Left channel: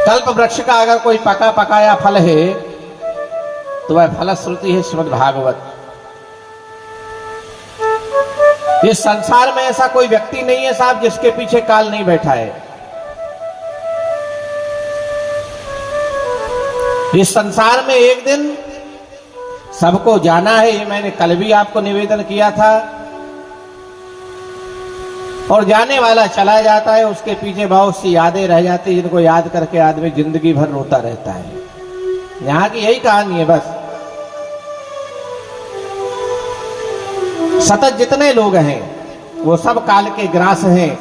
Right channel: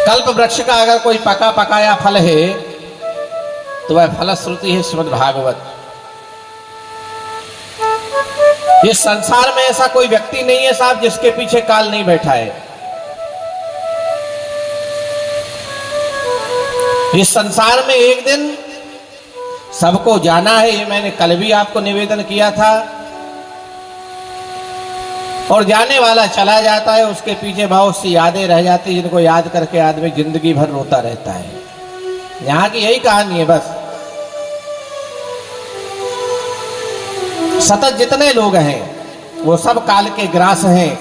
कल्प वृक्ष का अगर कोई पका पकाया फल है तो वह फलश्रुति है श्रीमद् भागवत। इस संसार में ऐसा कोई व्यक्ति नहीं है साहब जिसके पीछे काल नहीं बैठा है। इस संसार में एक दिन सबको जाना है, ये मैंने कल भी आपको निवेदन किया था। और जाने वाला चला जाता है, उसके पीछे बहुत सी यादें रह जाती हैं जिनको याद करके आदमी जिंदगी भर रोता रहता है। यहां की यही कहानी है बस। सतत जितने लोग हैं वो सब काल के ग्रास हैं,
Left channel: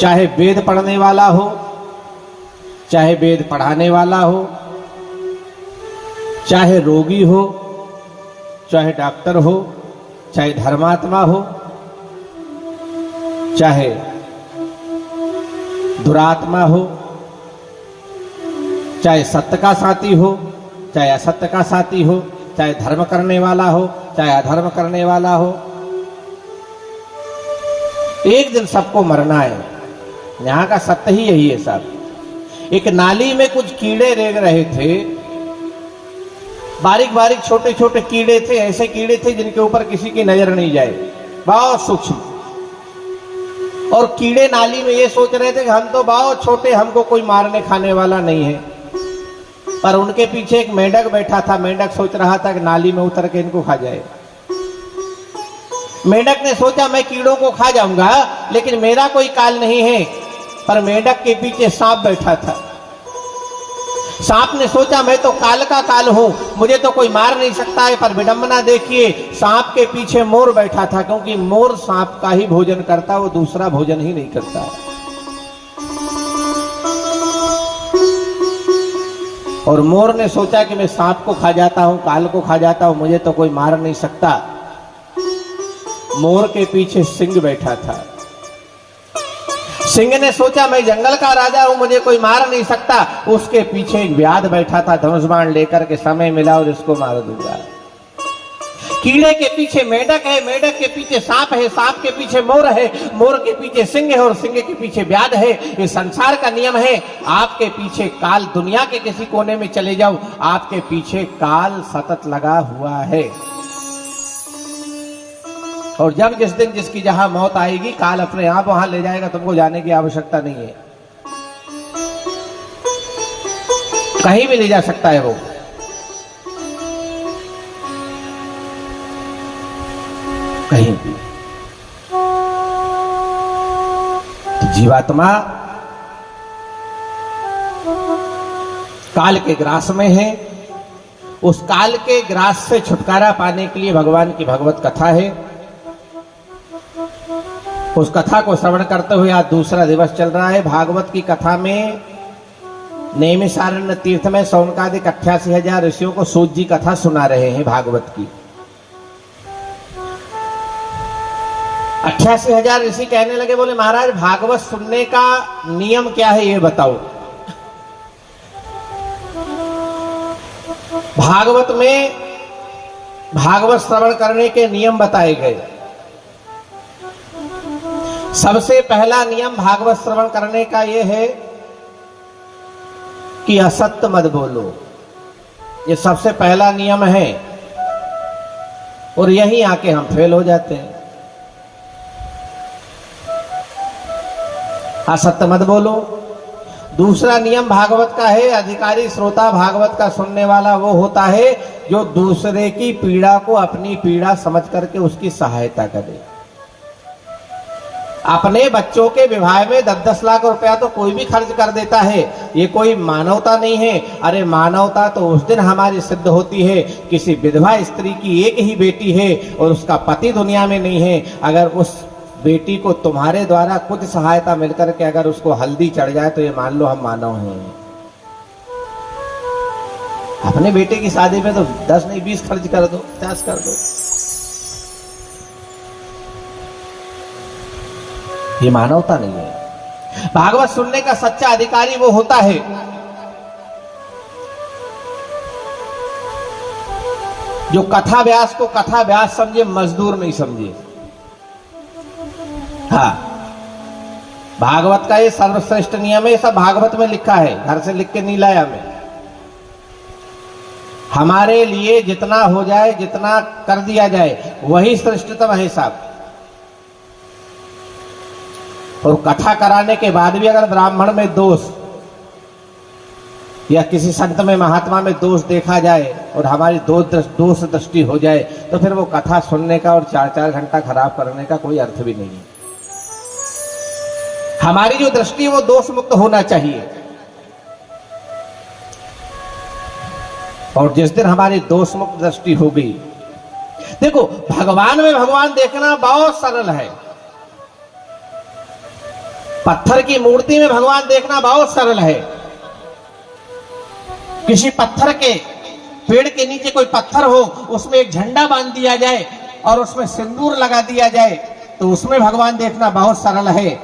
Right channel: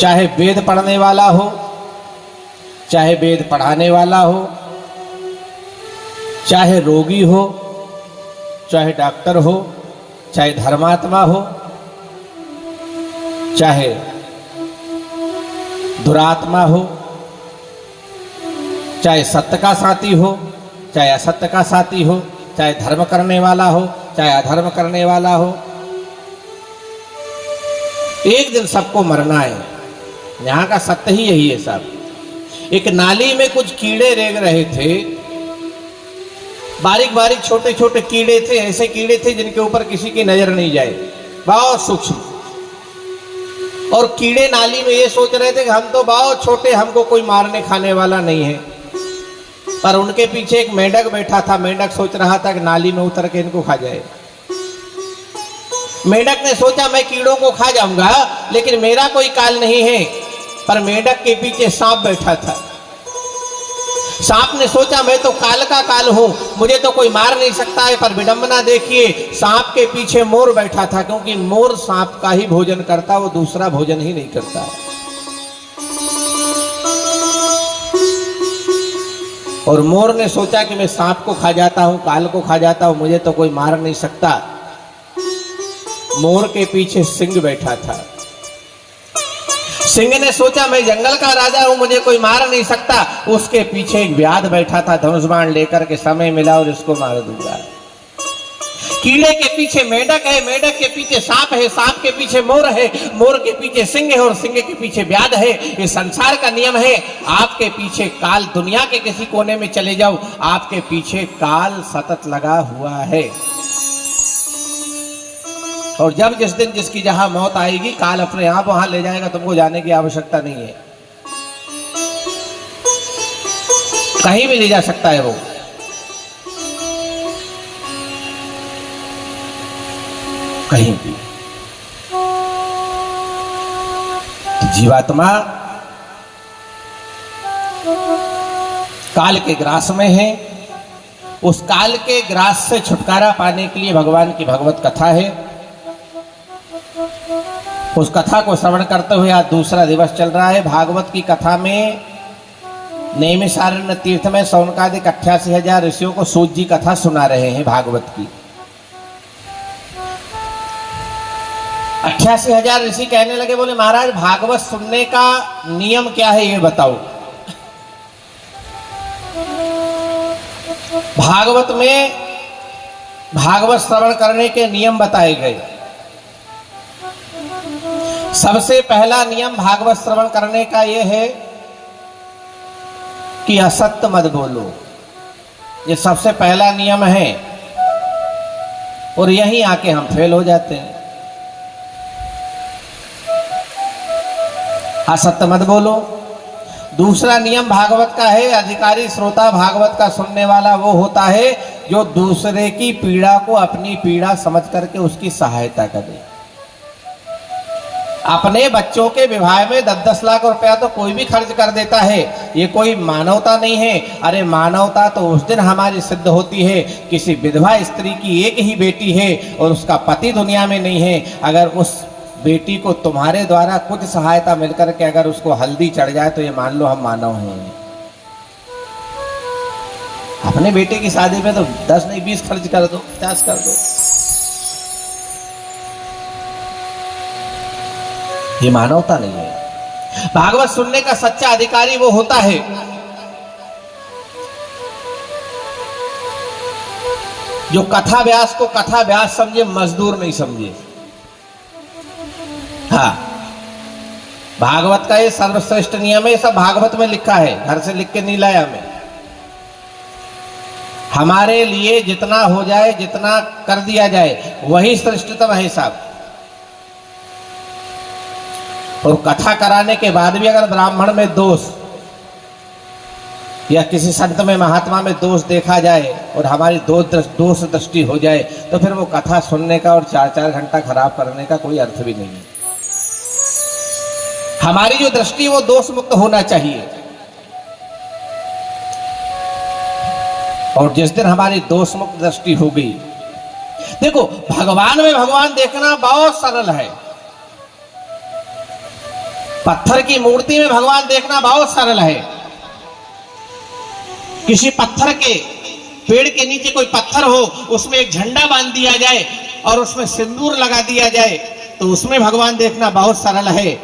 चाहे वेद पढ़ने वाला हो, चाहे वेद पढ़ाने वाला हो, चाहे रोगी हो, चाहे डॉक्टर हो, चाहे धर्मात्मा हो, चाहे दुरात्मा हो, चाहे सत्य का साथी हो, चाहे असत्य का साथी हो, चाहे धर्म करने वाला हो, चाहे अधर्म करने वाला हो, एक दिन सबको मरना है। यहां का सत्य ही यही है साहब। एक नाली में कुछ कीड़े रेंग रहे थे, बारीक बारीक छोटे छोटे कीड़े थे, ऐसे कीड़े थे जिनके ऊपर किसी की नजर नहीं जाए, बहुत सूक्ष्म। और कीड़े नाली में ये सोच रहे थे कि हम तो बहुत छोटे, हमको कोई मारने खाने वाला नहीं है। पर उनके पीछे एक मेंढक बैठा था। मेंढक सोच रहा था कि नाली में उतर के इनको खा जाए। मेंढक ने सोचा मैं कीड़ों को खा जाऊंगा, लेकिन मेरा कोई काल नहीं है। पर मेंढक के पीछे सांप बैठा था। सांप ने सोचा मैं तो काल का काल हूं, मुझे तो कोई मार नहीं सकता है। पर विडंबना देखिए, सांप के पीछे मोर बैठा था, क्योंकि मोर सांप का ही भोजन करता, वो दूसरा भोजन ही नहीं करता। और मोर ने सोचा कि मैं सांप को खा जाता हूं, काल को खा जाता हूं, मुझे तो कोई मार नहीं सकता। मोर के पीछे सिंह बैठा था। सिंह ने सोचा मैं जंगल का राजा हूं, मुझे कोई मार नहीं सकता। उसके पीछे एक व्याध बैठा था, धनुष बाण लेकर के समय मिला और इसको मार दूंगा। कीड़े के पीछे मेंढक है, मेंढक के पीछे सांप है, सांप के पीछे मोर है, मोर के पीछे सिंह है और सिंह के पीछे व्याध है। ये संसार का नियम है। आपके पीछे काल, दुनिया के किसी कोने में चले जाओ, आपके पीछे काल सतत लगा हुआ है। और जब जिस दिन जिसकी जहां मौत आएगी, काल अपने आप वहां ले जाएगा, तुमको जाने की आवश्यकता नहीं है। कहीं भी ले जा सकता है वो। कहीं भी। तो जीवात्मा काल के ग्रास में है। उस काल के ग्रास से छुटकारा पाने के लिए भगवान की भगवत कथा है। उस कथा को श्रवण करते हुए आज दूसरा दिवस चल रहा है। भागवत की कथा में नैमिषारण्य तीर्थ में सौनकादिक 88,000 ऋषियों को सूत जी कथा सुना रहे हैं भागवत की। 88,000 ऋषि कहने लगे, बोले महाराज भागवत सुनने का नियम क्या है ये बताओ। भागवत में भागवत श्रवण करने के नियम बताए गए। सबसे पहला नियम भागवत श्रवण करने का यह है कि असत्य मत बोलो। ये सबसे पहला नियम है और यहीं आके हम फेल हो जाते हैं। असत्य मत बोलो। दूसरा नियम भागवत का है, अधिकारी श्रोता भागवत का सुनने वाला वो होता है जो दूसरे की पीड़ा को अपनी पीड़ा समझ करके उसकी सहायता करे। अपने बच्चों के विवाह में 10-10 लाख रुपया तो कोई भी खर्च कर देता है। ये कोई मानवता नहीं है। अरे मानवता तो उस दिन हमारी सिद्ध होती है, किसी विधवा स्त्री की एक ही बेटी है और उसका पति दुनिया में नहीं है। अगर उस बेटी को तुम्हारे द्वारा कुछ सहायता मिलकर के अगर उसको हल्दी चढ़ जाए तो ये मान लो हम मानव हैं। अपने बेटे की शादी में तो 10 नहीं 20 खर्च कर दो, 50 कर दो। ये मानवता नहीं है। भागवत सुनने का सच्चा अधिकारी वो होता है जो कथा व्यास को कथा व्यास समझे, मजदूर नहीं समझे। हाँ, भागवत का ये सर्वश्रेष्ठ नियम है, ये सब भागवत में लिखा है, घर से लिख के नहीं लाया मैं। हमारे लिए जितना हो जाए, जितना कर दिया जाए, वही श्रेष्ठतम है साहब। और कथा कराने के बाद भी अगर ब्राह्मण में दोष या किसी संत में, महात्मा में दोष देखा जाए और हमारी दोष दृष्टि हो जाए, तो फिर वो कथा सुनने का और 4-4 घंटा खराब करने का कोई अर्थ भी नहीं है। हमारी जो दृष्टि वो दोष मुक्त होना चाहिए। और जिस दिन हमारी दोष मुक्त दृष्टि हो गई, देखो भगवान में भगवान देखना बहुत सरल है। पत्थर की मूर्ति में भगवान देखना बहुत सरल है। किसी पत्थर के, पेड़ के नीचे कोई पत्थर हो, उसमें एक झंडा बांध दिया जाए और उसमें सिंदूर लगा दिया जाए, तो उसमें भगवान देखना बहुत सरल है।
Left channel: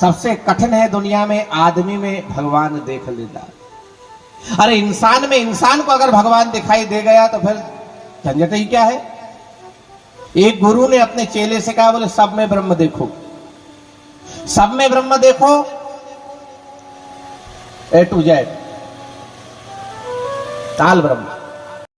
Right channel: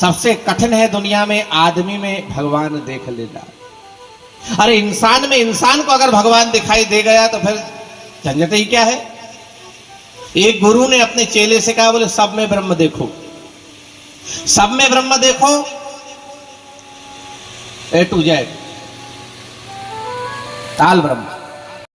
सबसे कठिन है दुनिया में आदमी में भगवान देख लेना। अरे इंसान में इंसान को अगर भगवान दिखाई दे गया तो फिर झंझट ही क्या है। एक गुरु ने अपने चेले से कहा, बोले सब में ब्रह्म देखो, सब में ब्रह्म देखो, A to Z, काल ब्रह्म।